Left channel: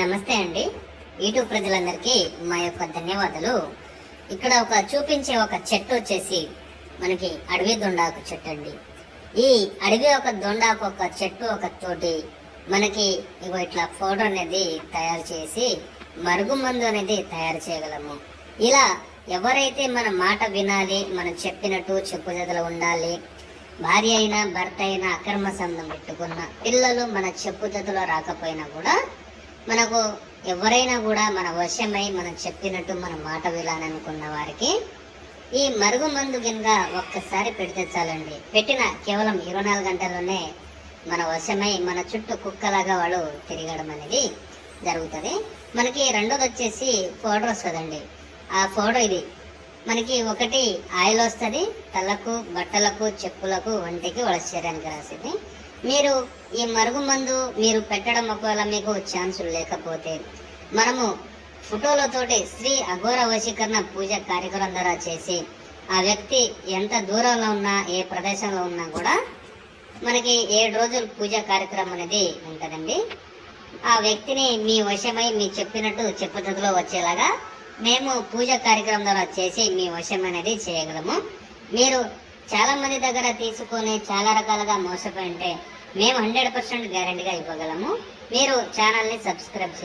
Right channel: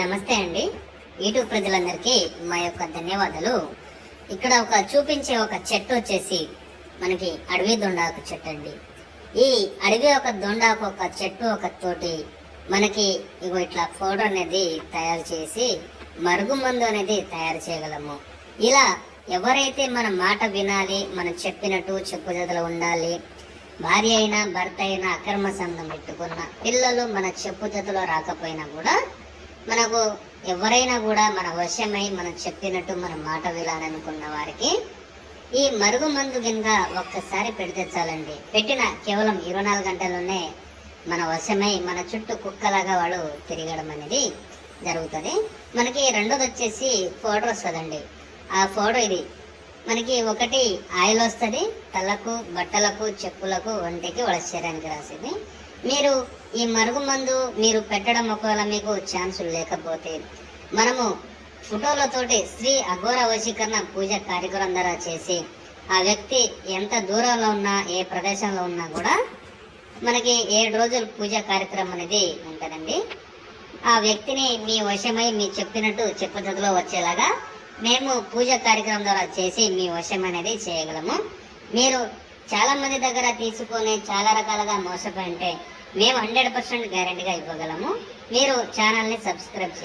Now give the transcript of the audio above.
నమస్తే అండి. యూట్యూబ్ ప్రజలందరికీ మా యొక్క ధన్యవాదాలు. ఇక్కడ ఒక చూపించే ఒక చెట్టు వచ్చేసి మనకి అడవి దొండాకు చెట్టు అండి. ఈ అడవి ఒక దొండాకు ఒక చెట్టు ఒక తోటి మనకి ఇగో ఇట్లా ఫోటో అనేది తయారు చేసి మరుగు మందు అనేది తయారు చేయగలము. ఇలా ఎవరైతే మన మాట వినాలి మనం చెప్పినట్టు చెప్పుదల ఉండాలి భార్య అయినా భర్త అయినా అక్రమ సంబంధం పెట్టుకున్న పిల్లలు మన చెప్పుదతలో రాకపోయినా కూడా మనకు ఎవరైనా కూడా మన వశమై మనం చెప్పినట్టు మన మాట వినాలనుకున్న వారికి ఈ మరుగు మందు కింద ఒక్కసారి పెడితే చాలండి. పెట్టిన కేవలం ఇరవై నాలుగు గంటల్లోనే మన వశమై మన చుట్టూ కుక్కలాగా వాడు తిరగడం అనేది జరుగుతుంది. మనకి రెండోది వచ్చేసి ఫోటో వస్తుందండి ఆ ఫోటో ఇది మనకి ఒకటి ఆయిల్ వస్తుంది తలకు బట్టలకు చెప్పులకు వంటికి వాళ్ళ శరీరానికి రాసింది. మీరు ఈ మరుగు మందు మీరు పెట్టడం ఒకవేళ మీకు ఛాన్సులు లేకపోతే మనము ఫోటోలతోటి శ్రీ అఘోర వశీకరణ పూజ కార్యక్రమం ద్వారా చేసి ఆ వ్యక్తి ఎంత దూరంలో ఉన్నా ఏ ప్రదేశంలో ఉన్నా కూడా మనకి ఏడు రోజులు పూజ కార్యక్రమం అనేది ఉంటుందండి. ఆ వ్యక్తిని మీ వశమై మీ చెప్పినట్టు చెప్పుదలో వచ్చేలాగా మేము పూజ కార్యక్రమం ద్వారా చేసి మీ వశం అనేది చేయగలము. మీరు చాలా మంది దగ్గర తీసుకొని చాలా రకాలుగా మోసపోయి ఉంటే మేము హండ్రెడ్ పర్సెంట్ గ్యారంటీగా ఇవ్వగలము. మీరు ఛానల్ని సబ్స్క్రైబ్ చేయండి